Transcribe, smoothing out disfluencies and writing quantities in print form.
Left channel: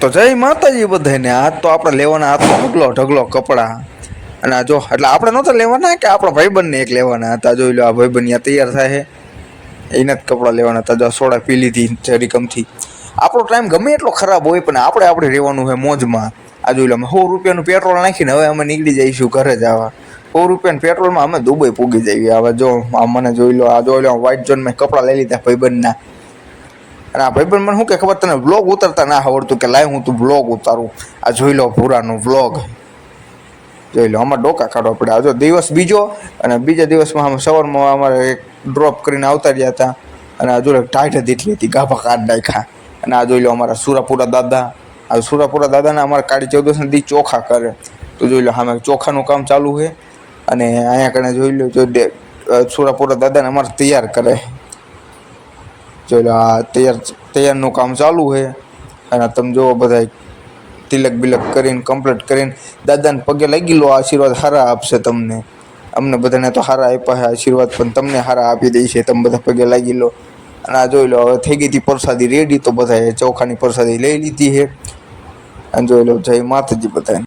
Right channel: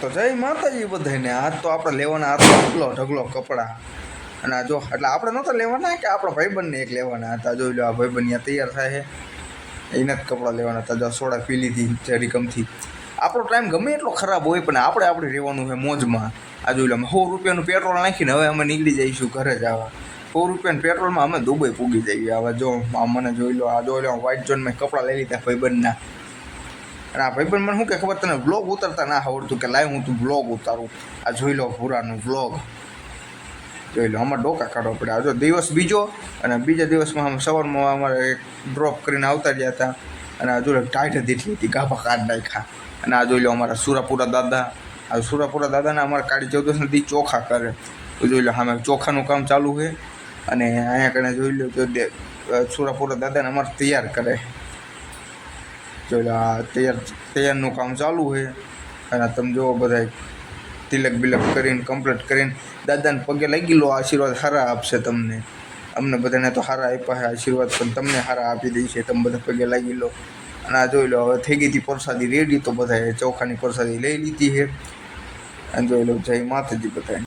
તો જય માતાજી બધાને. આજ તો આપણે લેવાના હતા ઢગલો ઢગલો કપડાં. અને આ જો એટલે આપણે નહોતા લેવાના કે આપણા ભાઈબંધને એક લેવાના હતા. જોઈ લો આ ભાઈબંધ ત્યાં તૈયાર થાય એના જ કપડાં લેવાના હતા. જો સોડા પી લીધી જરીકમથી. આપણો ટાઈમ ગમે એટલો ખરાબ હોય પણ આપણે રહેવાનું હોય મોજમાં. આ જોઈ લો અમે 100 રૂપિયાનું પેટ્રોલ નાખીને હવે અમે નીકળી જઈશું ઘરે જવા. 100 રૂપિયાના પેટ્રોલમાં અમે દુબઈ પૂગી જઈએ. હવે જો આ મને જોઈ લો, આ જોઈ લો વ્હાઈટ ઝોન મેં કપડાં લઈ લીધા ભાઈબંધના. અને આ ભાઈબંધ મને શું કે ખબર, તને વ્લોગ ઉતારતા ના આવડતું કે લાય હું તું વ્લોગ ઉતારું. આ જોઈ લો ભૂરાનો વ્લોગ જોઈ લો. આમાં ડોકા કાઢવા પડે. આ જો દિવસ બીજો અને બીજા દિવસમાં અમે સવારમાં અમારે એક ડ્રોપ કરીને આવતા રહ્યા હતા. અને આ જોઈ લો ટાઈટ દીઠી હતી, ગાભા કાઢ નાખ્યા. અને આ જોઈ લો અમારા સુરાપુરા દાદા. આ સુરાપુરા દાદાને અમારા કાળી 14 દી ચોખા કરે. તો જોઈ લો સામે ચોખાનું કામ ચાલુ છે. અને અહીંયા કને જોઈ લો જો સુરાપુરા દાદાને અમારે તૈયાર કરે. જોઈ લો આ તૈયારનું કામ ચાલુ છે. અને તમે જુઓ બધા તિલક બિલક કરીને કમ્પ્લીટ કરીને દાદાને પગે લાગી લો. આશીર્વાદ સારા આપશે તમને. અમને બધાને તો સારા આપ્યા છે આશીર્વાદ, પણ તમને સારા આપી દે છે. તમે બધા પગે લાગી લો. અને આ જોઈ લો હવે થઈ ગઈ હતી પ્રસાદી રેડી. તો બધાએ ચોખાની પ્રસાદી લઈ લીધી છે. અને જોઈ લો જય માતાજી બધાને.